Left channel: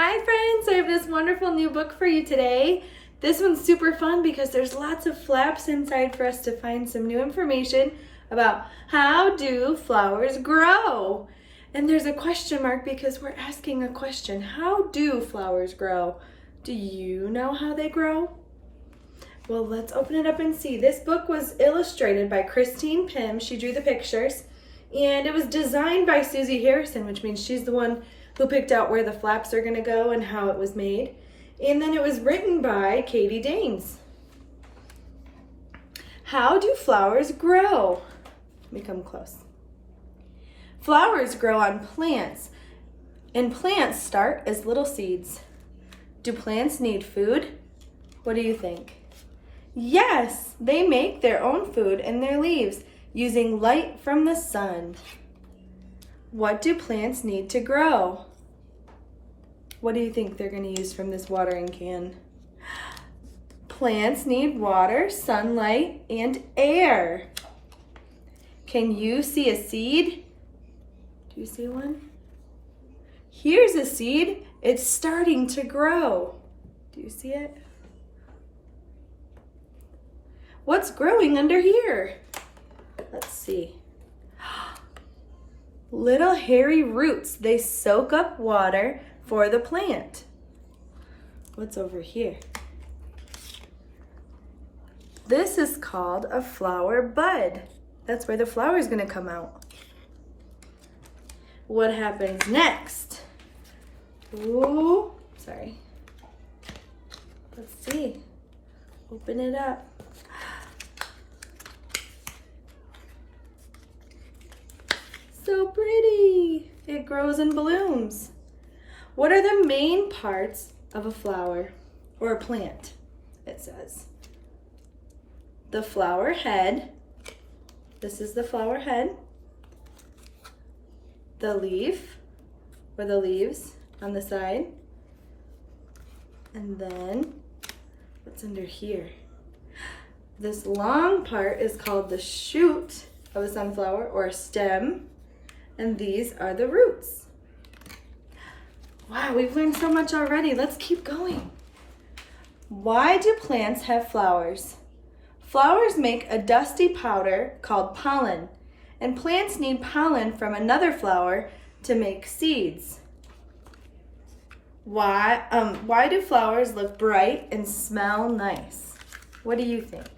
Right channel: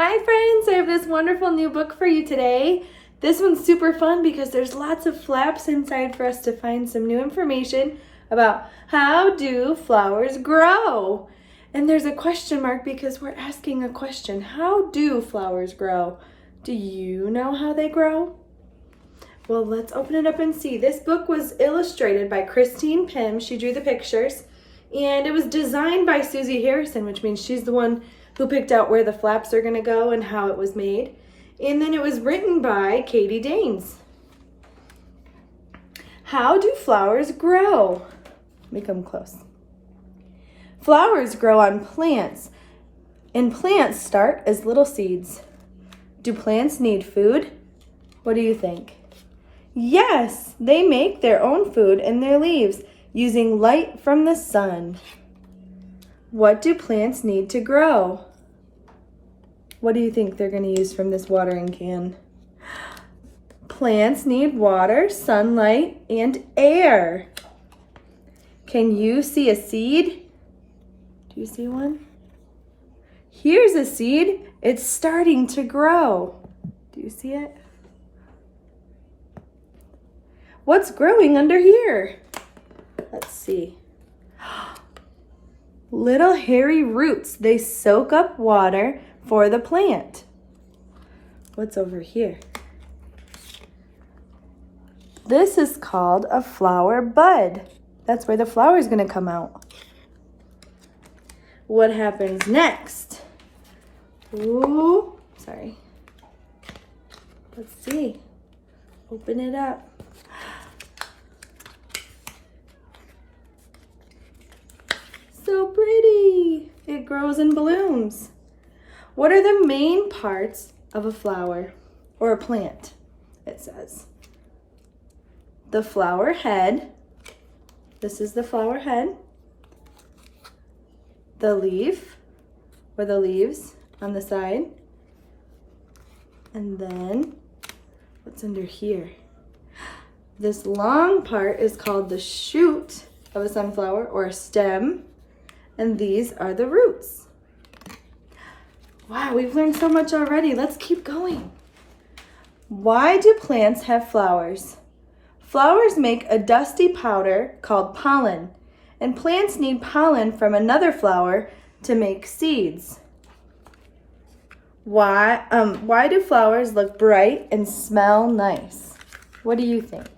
Hi friends, I have this wonderful new book for you today. This one's super fun because there's lots of flaps inside for us to find some new information about how do flowers grow. And there's a question mark because we're asking a question. How do flowers grow? Do you know how they grow? Well, let's open it up and see. This book was illustrated by Christine Pym. She drew the pictures. And it was designed by Susie Harrison, which means she's the one who picked out where the flaps are going to go and how it was made. And then it was written by Katie Danes. How do flowers grow? Let me come close. Flowers grow on plants, and plants start as little seeds. Do plants need food? What do you think? Yes, they make their own food in their leaves using light from the sun. What do plants need to grow? What do you think they're going to use from this watering can? Plants need water, sunlight, and air. Can you see a seed? Do you see one? Here's a seed. It's starting to grow. Do you see it? What's growing under here? Let's see. Little hairy roots. They soak up water for the plant. What's over here? This is called a flower bud. That's where the flower is going to come out. What happens next? Ooh, sorry. Let's see. Open it up. So pretty. It grows and blooms. What are the main parts of a flower or a plant? It says the flower head. This is the flower head. The leaf or the leaves on the side. And then what's under here? This long part is called the shoot of a sunflower or a stem. And these are the roots. Wow, we've learned so much already. Let's keep going. Why do plants have flowers? Flowers make a dusty powder called pollen, and plants need pollen from another flower to make seeds. Why do flowers look bright and smell nice? What do you think?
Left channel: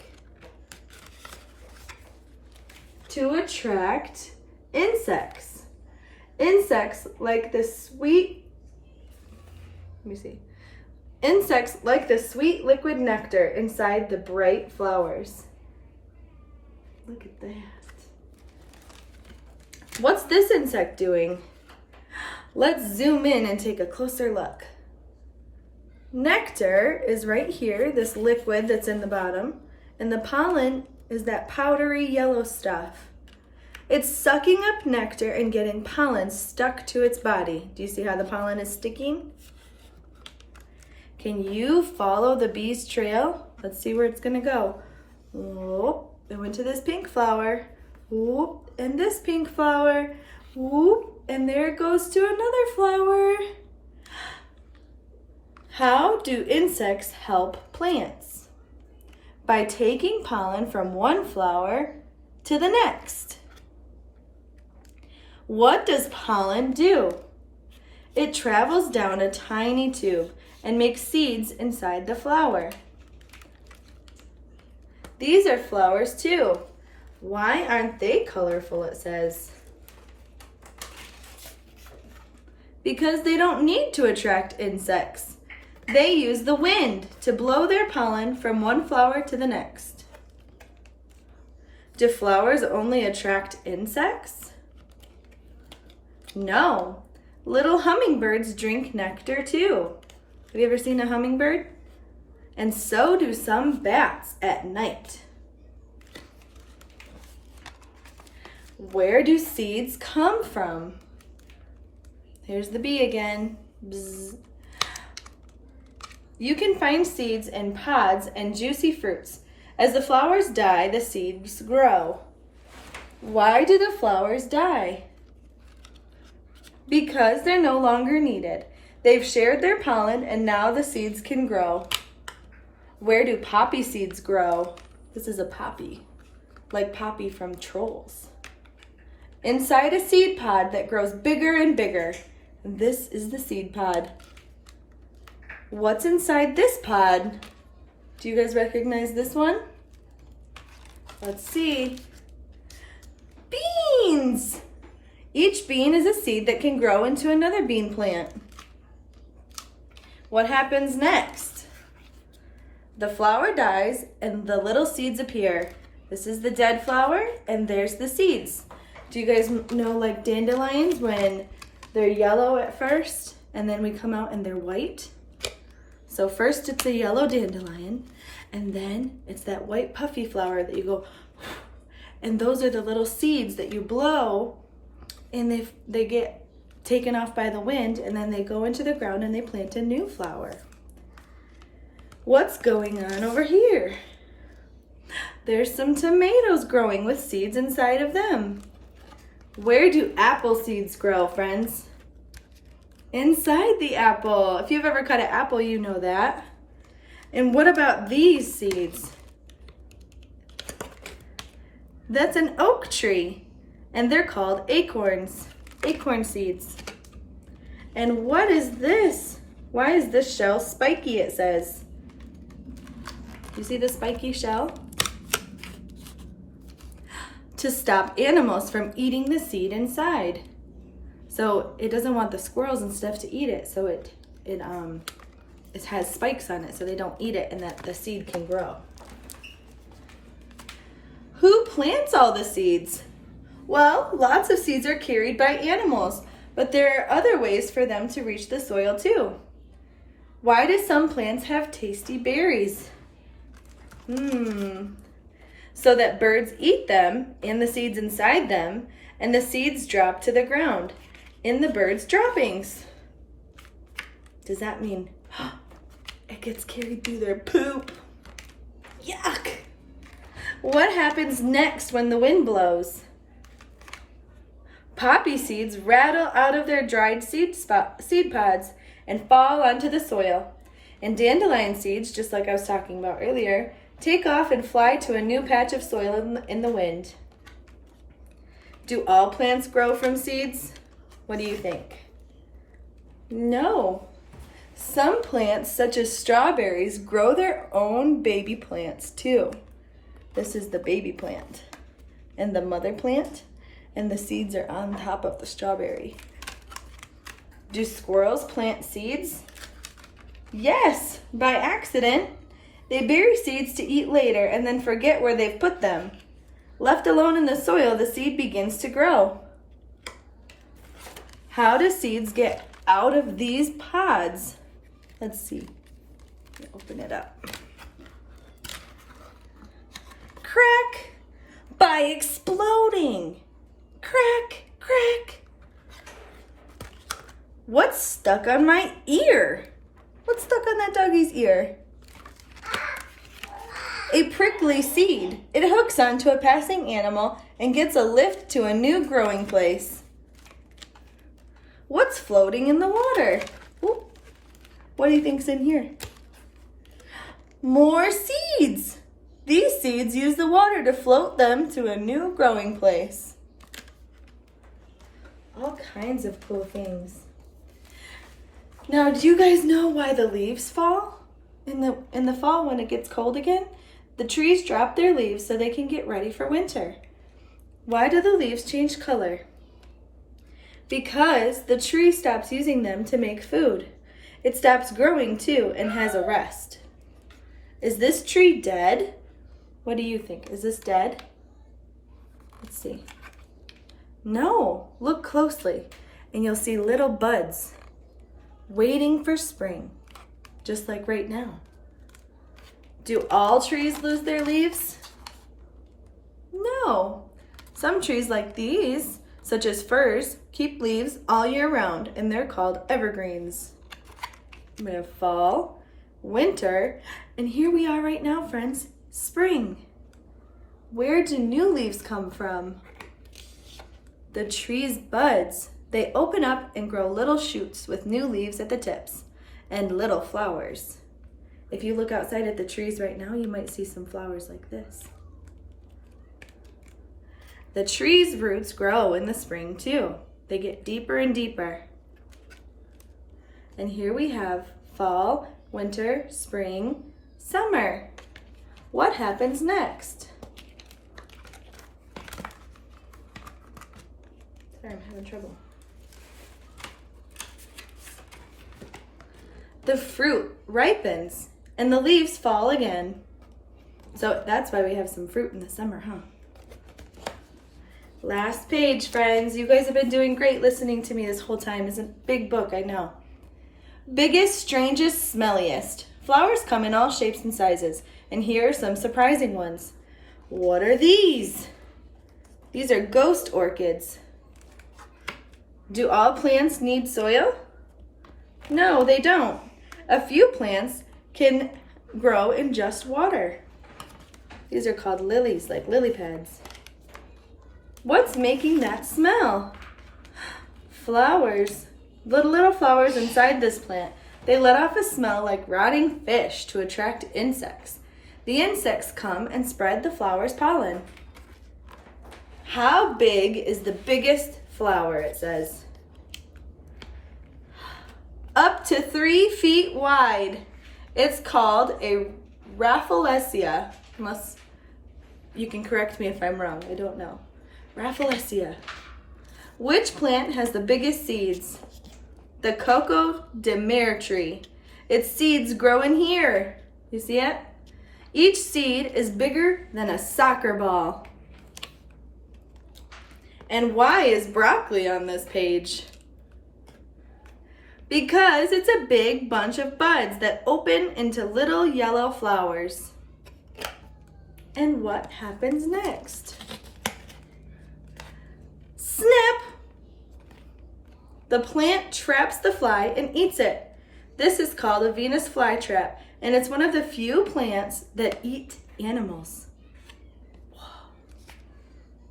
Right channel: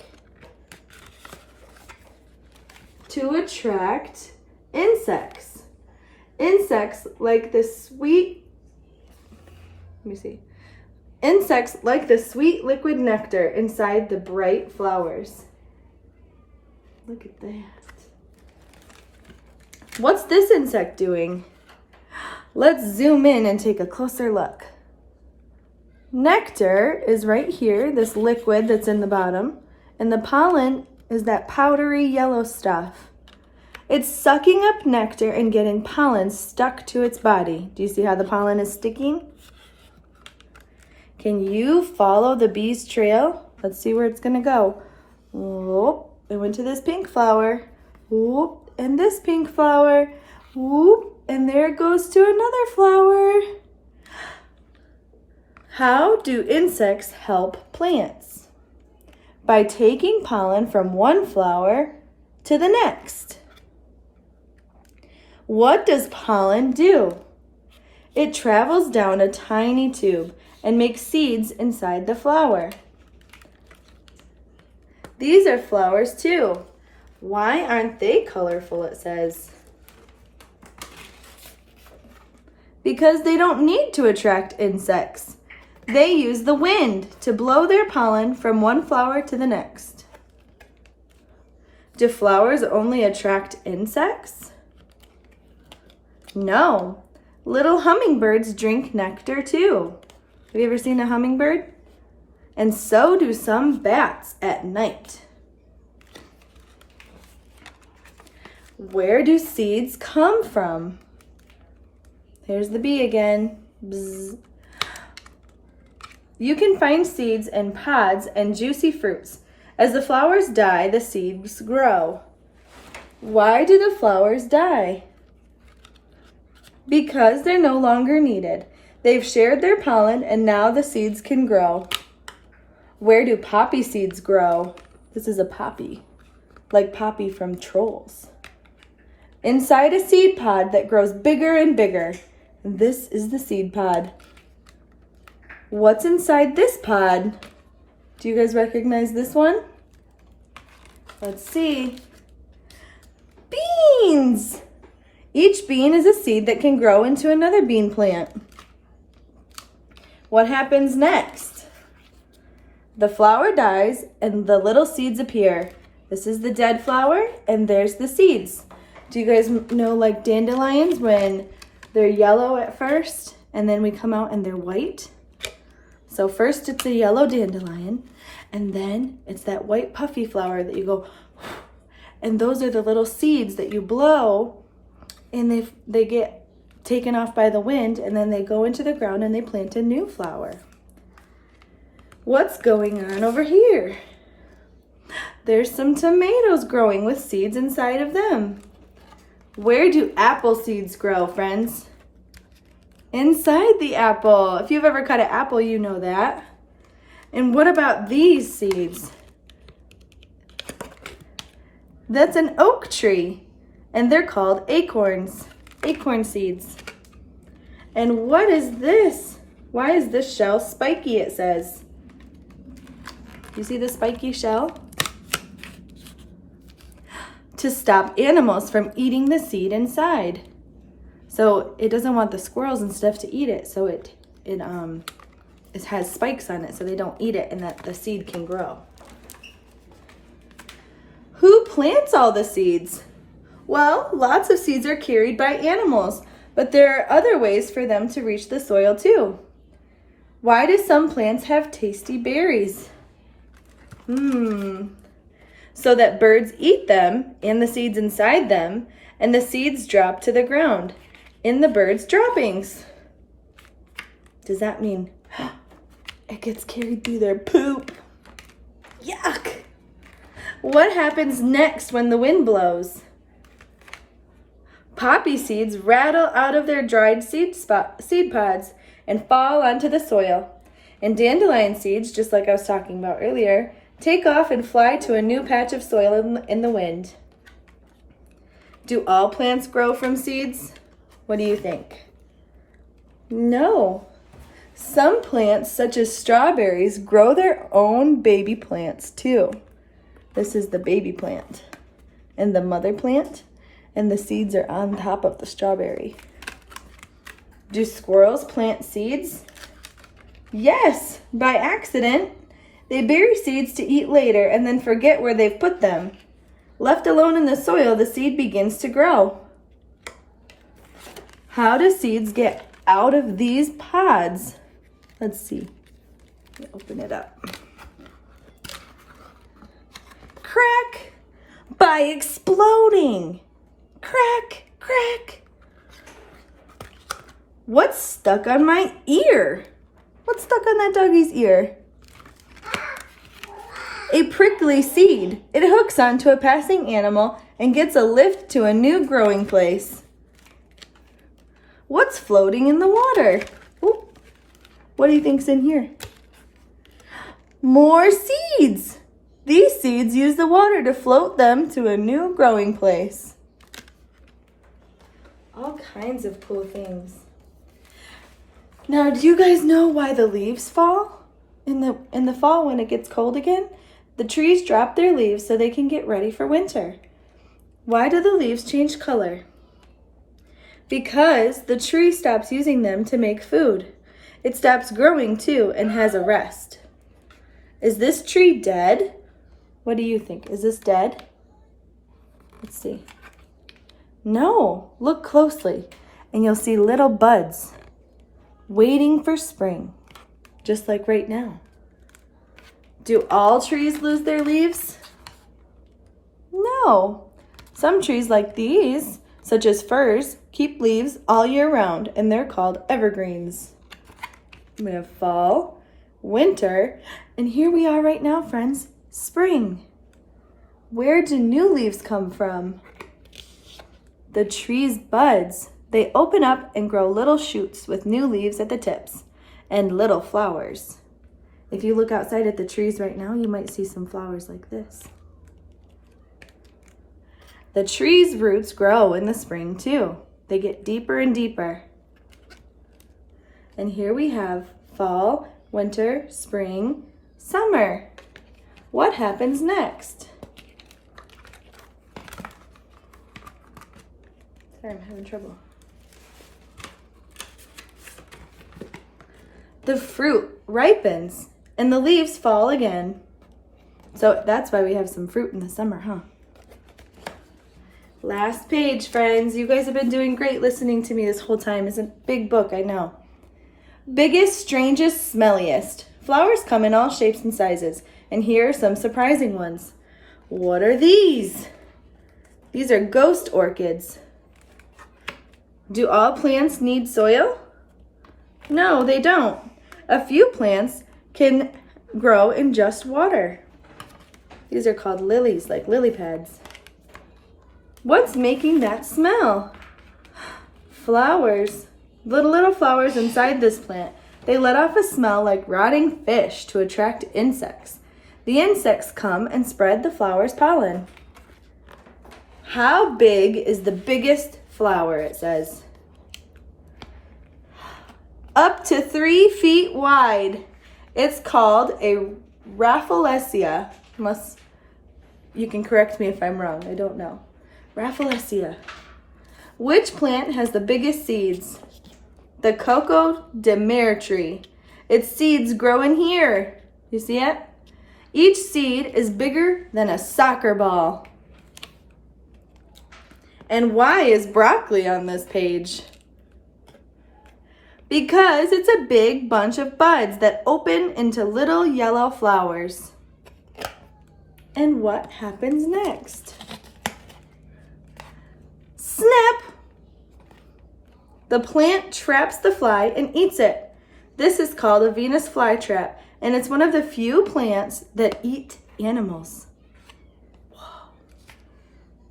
To attract insects. Insects like the sweet Insects like the sweet liquid nectar inside the bright flowers. Look at that. What's this insect doing? Let's zoom in and take a closer look. Nectar is right here, this liquid that's in the bottom, and the pollen is that powdery yellow stuff. It's sucking up nectar and getting pollen stuck to its body. Do you see how the pollen is sticking? Can you follow the bee's trail? Let's see where it's gonna go. Whoop, it went to this pink flower. Whoop, and this pink flower. Whoop, and there it goes to another flower. How do insects help plants? By taking pollen from one flower to the next. What does pollen do? It travels down a tiny tube and makes seeds inside the flower. These are flowers too. Why aren't they colorful, it says? Because they don't need to attract insects. They use the wind to blow their pollen from one flower to the next. Do flowers only attract insects? No. Little hummingbirds drink nectar too. Have you ever seen a hummingbird? And so do some bats at night. Where do seeds come from? Here's the bee again. Bzz. You can find seeds in pods and juicy fruits. As the flowers die, the seeds grow. Why do the flowers die? Because they're no longer needed. They've shared their pollen and now the seeds can grow. Where do poppy seeds grow? This is a poppy, like Poppy from Trolls. Inside a seed pod that grows bigger and bigger. This is the seed pod. What's inside this pod? Do you guys recognize this one? Let's see. Beans! Each bean is a seed that can grow into another bean plant. What happens next? The flower dies and the little seeds appear. This is the dead flower and there's the seeds. Do you guys know like dandelions when they're yellow at first and then we come out and they're white? So first it's a yellow dandelion and then it's that white puffy flower that you go, and those are the little seeds that you blow and they get taken off by the wind and then they go into the ground and they plant a new flower. What's going on over here? There's some tomatoes growing with seeds inside of them. Where do apple seeds grow, friends? Inside the apple. If you've ever cut an apple, you know that. And what about these seeds? That's an oak tree, and they're called acorns, acorn seeds. And what is this? Why is this shell spiky, it says? You see the spiky shell? To stop animals from eating the seed inside. So it doesn't want the squirrels and stuff to eat it, so it has spikes on it so they don't eat it and that the seed can grow. Who plants all the seeds? Well, lots of seeds are carried by animals, but there are other ways for them to reach the soil too. Why do some plants have tasty berries? So that birds eat them and the seeds inside them, and the seeds drop to the ground in the bird's droppings. Does that mean it gets carried through their poop? Yuck! What happens next when the wind blows? Poppy seeds rattle out of their dried seed pods and fall onto the soil. And dandelion seeds, just like I was talking about earlier, take off and fly to a new patch of soil in the wind. Do all plants grow from seeds? What do you think? No. Some plants, such as strawberries, grow their own baby plants too. This is the baby plant and the mother plant, and the seeds are on top of the strawberry. Do squirrels plant seeds? Yes, by accident. They bury seeds to eat later and then forget where they've put them. Left alone in the soil, the seed begins to grow. How do seeds get out of these pods? Let's see. Let me open it up. Crack! By exploding. Crack, crack. What's stuck on my ear? What's stuck on that doggy's ear? A prickly seed. It hooks onto a passing animal and gets a lift to a new growing place. What's floating in the water? Ooh. What do you think's in here? More seeds. These seeds use the water to float them to a new growing place. All kinds of cool things. Now, do you guys know why the leaves fall? In the fall when it gets cold again, the trees drop their leaves so they can get ready for winter. Why do the leaves change color? Because the tree stops using them to make food. It stops growing too and has a rest. Is this tree dead? What do you think? Is this dead? Let's see. No, look closely and you'll see little buds waiting for spring, just like right now. Do all trees lose their leaves? No. Some trees like these, such as firs, keep leaves all year round and they're called evergreens. We have fall, winter, and here we are right now, friends, spring. Where do new leaves come from? The tree's buds. They open up and grow little shoots with new leaves at the tips and little flowers. If you look outside at the trees right now, you might see some flowers like this. The tree's roots grow in the spring too. They get deeper and deeper. And here we have fall, winter, spring, summer. What happens next? Sorry, I'm having trouble. The fruit ripens and the leaves fall again. So that's why we have some fruit in the summer, huh? Last page, friends. You guys have been doing great listening to me this whole time. It's a big book, I know. Biggest, strangest, smelliest. Flowers come in all shapes and sizes. And here are some surprising ones. What are these? These are ghost orchids. Do all plants need soil? No, they don't. A few plants can grow in just water. These are called lilies, like lily pads. What's making that smell? Flowers. Little flowers inside this plant. They let off a smell like rotting fish to attract insects. The insects come and spread the flower's pollen. How big is the biggest flower, it says? Up to 3 feet wide. It's called a Rafflesia. Unless you can correct me if I'm wrong, I don't know. Rafflesia. Which plant has the biggest seeds? The Coco de Mer tree. Its seeds grow in here. You see it? Each seed is bigger than a soccer ball. And why is broccoli on this page? Because it's a big bunch of buds that open into little yellow flowers. And what happens next? Snap! The plant traps the fly and eats it. This is called a Venus flytrap, and it's one of the few plants that eat animals. Whoa,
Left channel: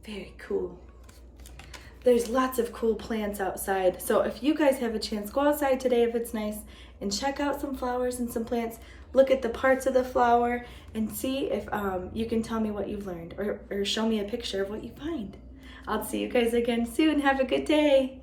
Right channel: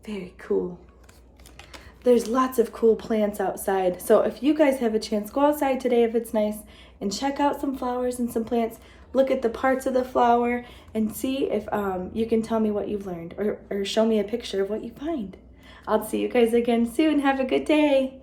very cool. There's lots of cool plants outside, so if you guys have a chance, go outside today if it's nice and check out some flowers and some plants. Look at the parts of the flower and see if you can tell me what you've learned or show me a picture of what you find. I'll see you guys again soon. Have a good day.